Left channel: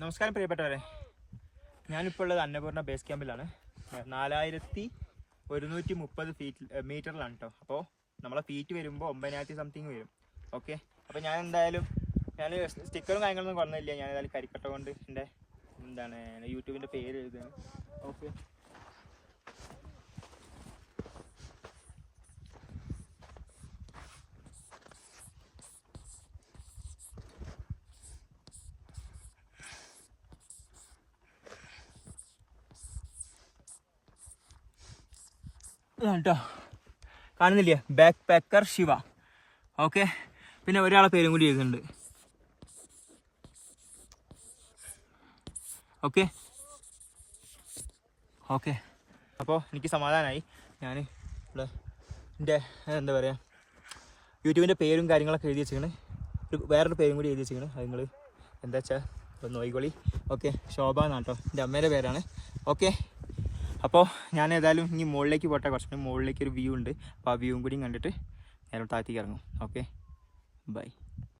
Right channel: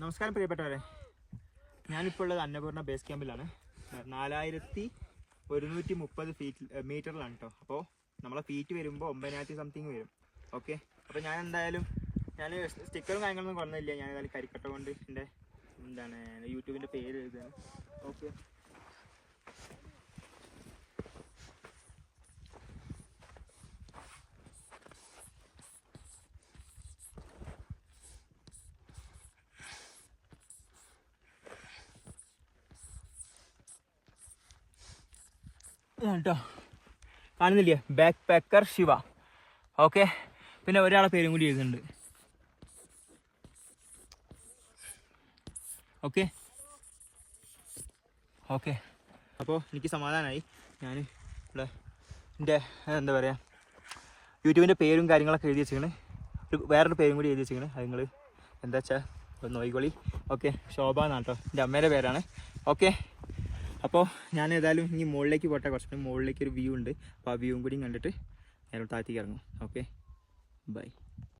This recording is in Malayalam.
നമസ്കാരം പ്രിയപ്പെട്ടവരെ. ഞാനിപ്പോൾ ഉള്ളത് അന്നപൂർണ ബേസ് ക്യാമ്പിലാണ് നാലായിരത്തി ഒരുന്നൂറ്റി മുപ്പത് ഫീറ്റ് മീറ്ററിലാണ് കേട്ടോ അപ്പോൾ നമ്മളെ ഫീറ്റ് വരുമ്പോൾ ഒമ്പതിനായിരത്തി സംതിങ് വരും. ഓക്കെ അപ്പോൾ ഞാൻ എന്തായാലും ഞാൻ സ്റ്റിക്കറും കാര്യങ്ങളൊന്നും കൊണ്ടുവന്നില്ല ഞാൻ ഏതായാലും കരിക്കട്ട കൊണ്ട് എന്റെ എന്താണ് യൂട്യൂബിന്റെ പേര് എഴുതുകയാണ്. ഓക്കെ കേട്ടോ. കാണുന്നില്ലേ? Back packer Shiva. ഓക്കെ പിന്നെ ഒരാളെ പേരും കൂടി എഴുതുന്നുണ്ട്. ഓക്കെ ഓക്കെ അപ്പോൾ എനിക്ക് സമാധാനമായി ഞാൻ ഇവിടെ എന്റെ എന്താ പറയുക യൂട്യൂബിന്റെ പേരും കാര്യങ്ങളൊക്കെ എഴുതി വെച്ചിരിക്കണ്. ഒരു വേറൊരു പേരും കൂടി എഴുതി വെച്ചിരിക്കണ്. അത് നിങ്ങൾ എന്താ വെച്ചാൽ നോയിക്കോളി ഓക്കെ ശോഭ എന്നാട്ടോ എന്റെ അമ്മേന്റെ പേരാണ്. ഓക്കെ അപ്പോൾ ഞാൻ ഏതായാലും ഇനി മുകളിലേക്ക് പോട്ടെ കുറച്ച് മുകളിലേക്ക് ഒരു വ്യൂ ഉണ്ട്. അപ്പോൾ ആ വ്യൂവും കൂടി കണ്ടിട്ട് നേരം താഴത്തേക്ക് ഇറങ്ങും. Okay bye